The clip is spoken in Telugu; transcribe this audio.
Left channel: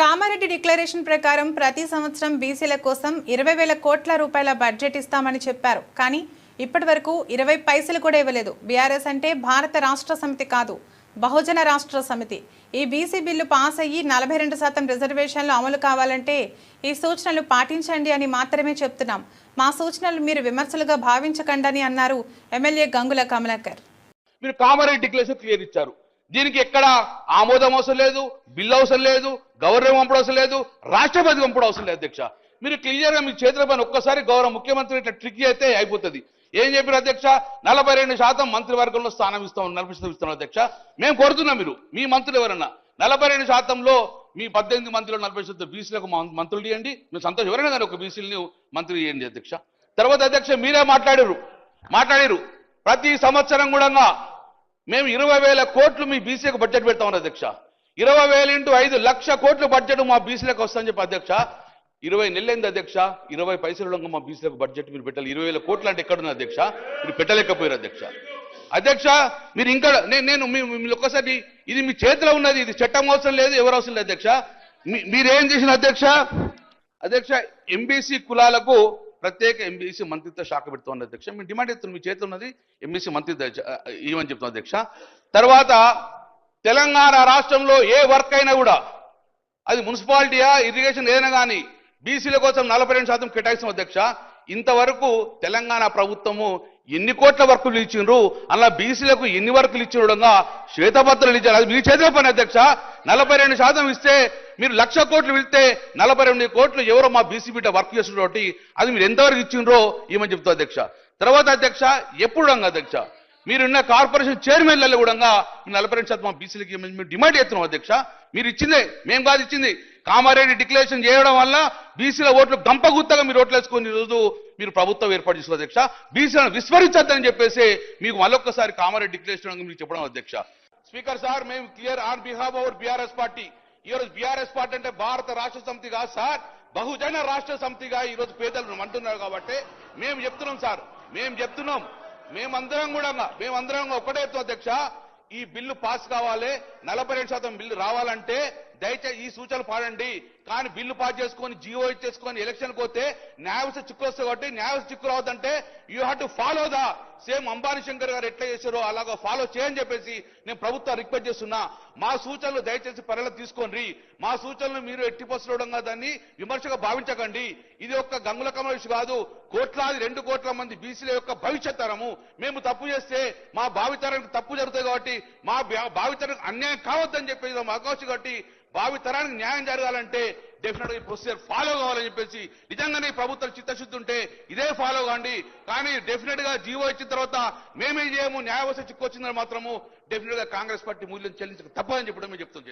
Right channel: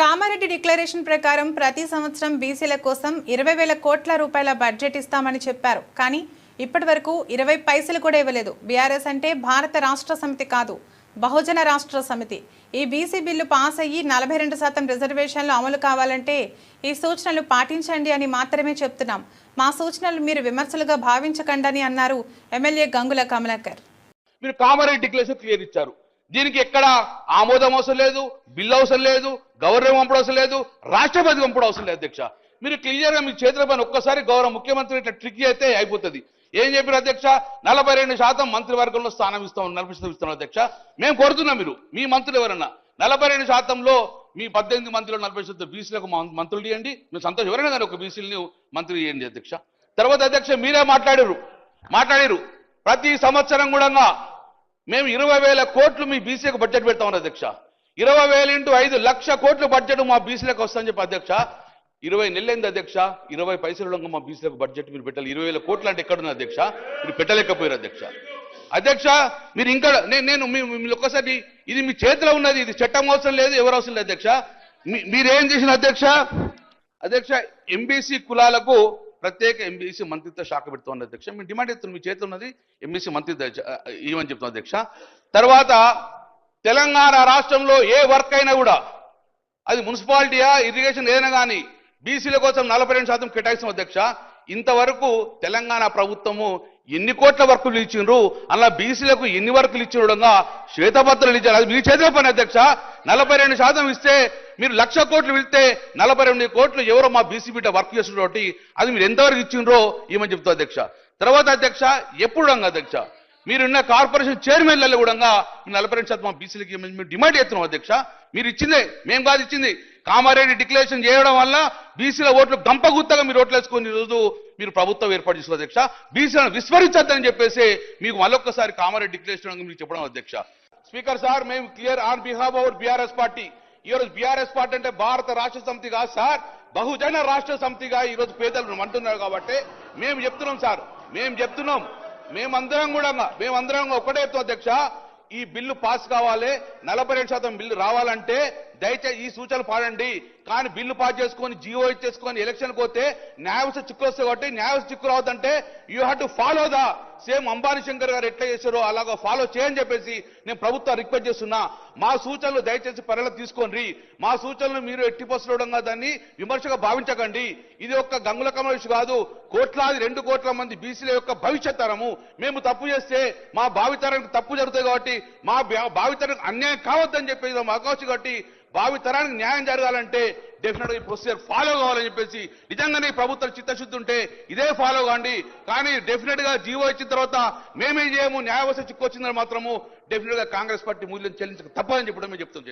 కామారెడ్డి డిక్లరేషన్ ప్రకారం ప్రతి సంవత్సరం బీసీల కోసం 20,000 కోట్ల రూపాయల బడ్జెట్ ఇస్తామని చెప్పారు. కానీ ఇప్పటివరకు 20 పైసలు కూడా ఇవ్వలేదు. బీఆర్ఎస్ అంటే భారత రాష్ట్ర సమితి కాదు, బహుజన రాష్ట్ర సమితి. ఈ బీసీ బిల్లు పాస్ అయ్యి 42% రిజర్వేషన్లు అమలు కావాలంటే ఈ సూచనలు పాటించండి అని మాత్రమే చెప్తున్నాం. మా సూచనలు మీరు విమర్శలుగా భావించకండి అన్నారు ఎమ్మెల్యే గంగుల కమలాకర్. మీరు కామారెడ్డి డిక్లరేషన్ క్లియర్ ఇచ్చారు. దీనికి ఎక్కడ ఆమోదం అవసరం లేదు, బిల్లు అవసరం లేదు, గవర్నర్ పంపడం అవసరం లేదు, రాష్ట్రపతి పంపడం అవసరం లేదు. అధ్యక్ష, మీరు క్లియర్ గా మీ చేతుల పైన ఒక్కసారి గౌరవ ముఖ్యమంత్రి ఇట్లా ట్రిక్ అయితే అయిపోతుంది. ఏం చెప్పారు అధ్యక్ష? 42% మంత్రివర్గంలో స్థానం ఇస్తాం, 40% ఇస్తాం. అధ్యక్ష, మేము కోరుతున్నాం మీరు మీ మంత్రులు ఎవరన్నా 42%లో మీ 18 మంత్రులు 40% బీసీలకు మంత్రులు ఇవ్వండి. మేము సంతోషం. ఎవరైనా కానీ ఒక బీసీలని మంత్రులు ఇవ్వండి అధ్యక్ష. తర్వాత అధ్యక్ష, మీరే మాట్లాడారు ప్రతి సంవత్సరం కూడా మేము 20,000 కోట్లు మీ బీసీలకు బడ్జెట్ పెడతామని అధ్యక్ష. 20,000 × 5 లక్ష కోట్లు బడ్జెట్ మా బీసీలకు వస్తుందని చెప్పి అధ్యక్ష. 20 నెలలైంది అధ్యక్ష, 20 పైసలు మా బీసీలకు బడ్జెట్ మీరు పెట్టాలి. 20,000 కోట్లు అంటే ఎక్కడున్న అధ్యక్ష? మీరు పెట్టలేకపోయారు అధ్యక్ష. అధ్యక్ష, మీరు ఇంకా నేను ఒక్కసారి ఇది మీ చేతిలో ఉన్నది, ఇది చట్టం అవసరం లేదు, ఎవరు అవసరం లేదు అధ్యక్ష. మీరేం చేసిన అధ్యక్ష ఎంబీసీ కులాలకు ప్రత్యేక ఎంబీసీ మంత్రిత్వ శాఖ పెడుతుంది అధ్యక్ష. మేము డిమాండ్ చేస్తున్నాం, మీ చేతిలో ఉన్నది ఎంబీసీ మంత్రిత్వ ఇవ్వని చెప్తున్నాం అధ్యక్ష. తర్వాత తెలంగాణ రాష్ట్రంలో ఏ వర్క్ అయినా కూడా అది మున్సిపాలిటీయా, ఇరిగేషన్ ఏదైనా కానీ బీసీల కోసం 42% కేటాయిస్తాం అధ్యక్ష. ఇంతవరకు తెలంగాణ ప్రభుత్వము ఎన్ని కోట్ల వర్కులు ఇచ్చిండ్రు, అలా బీసీలకు ఎన్ని వర్కులు ఇచ్చిన శ్వేతపత్రాలు ఇచ్చారు. అది మీ చేతిలో పని అధ్యక్ష. 42% ఇస్తే మీరు 1,00,000 కోట్లు ఇస్తే 42 కోట్లు ఎవరో మా బీసీ బిడ్డ వర్క్ చేస్తున్నటువంటి అది మీరు ఎంతవరకు ఇచ్చిండ్రో ఏమని చెప్తారు అధ్యక్ష. తర్వాత అధ్యక్ష, ఎప్పుడు అధ్యక్ష మీరున్న కార్పొరేషన్ చైర్మన్లలో కూడా 42% మా బీసీలకి మేము డిమాండ్ చేస్తున్నాం అధ్యక్ష. మీరు ఇచ్చిందే, మేము కాదు ఇచ్చింది. కామారెడ్డి డిక్లరేషన్ చేయడం వల్ల బీసీల ఓట్లు గంపగుత్తగా మీరు ఓట్లు వేసుకుని ఈరోజు మీరు ప్రభుత్వం ఏర్పాటు చేస్తున్నారు అధ్యక్ష. బీసీలను విస్మరించద్దని చెప్పేసి మీకు మళ్ళొక్కసారి కామారెడ్డి డిక్లరేషన్ మీకు చెప్పడం అధ్యక్ష. స్పీకర్ సార్, మేము clear on behalf of BRS party. ఈరోజు బీఆర్ఎస్ పార్టీ అంటే భారత రాష్ట్ర సమితి కాదు సార్, బహుజన రాష్ట్ర సమితిగా ఈరోజు పేదలు అంటున్నారు. కాబట్టి మేము చెప్తున్నాం సార్, మేమందరం ఒకటే అధ్యక్ష. ఈ బిల్లు పాస్ కావాలి, 42% బిల్లు రావాలంటే దయచేసి ఈ సూచనలు పాడండి. కానీ బిల్లు పాస్ చేసుకొని జీవో ఇచ్చేసుకొని ఎలక్షన్ పోతే న్యాయవస్థ చిక్కు వస్తే కాబట్టి న్యాయవస్థ చిక్కు రావద్దంటే you have to follow the same Ambani Shankar గారు ఎట్లా చేస్తారో అలాగా ఫాలో చేయని చెప్పేసి నేను ప్రభుత్వం రిక్వెస్ట్ చేస్తున్నా. మా సూచనలు దయచేసి పరిగణలోకి తీసుకోండి. మా సూచనలు మీరు ఎట్టి పోస్టులో దాన్ని విమర్శగా భావించకండి. ఇది ఒక్క గంగుల కమలేష్ కాదు, కోట్లాది 2 కోట్ల మంది బీసీల యొక్క భవిష్యత్ తరము. మేము తప్పు చేస్తే మా భావితరానికి తప్పు జరుగుతుంది కాబట్టి మా భావితరానికి అన్యాయం కావద్దని చెప్పేసి అవకాశం కాబట్టి భావితరానికి న్యాయం జరగాలంటే డెఫినెట్ గా ప్రొసీజర్ ఫాలో కావాలని చెప్పేసి నిజంగానే ప్రభుత్వం చిత్తశుద్ధి ఉంటే ఇదే ఫాలో కాండి. కానీ డెఫినెట్ గా జీవో ఇచ్చిన తర్వాత మేమేం చేయము, న్యాయవస్థ చిక్కు వచ్చిందని మాత్రము డెఫినెట్ గా కాంగ్రెస్ పార్టీ మూల్యం చెల్లించక తప్పదని చెప్పడం చెప్తాం.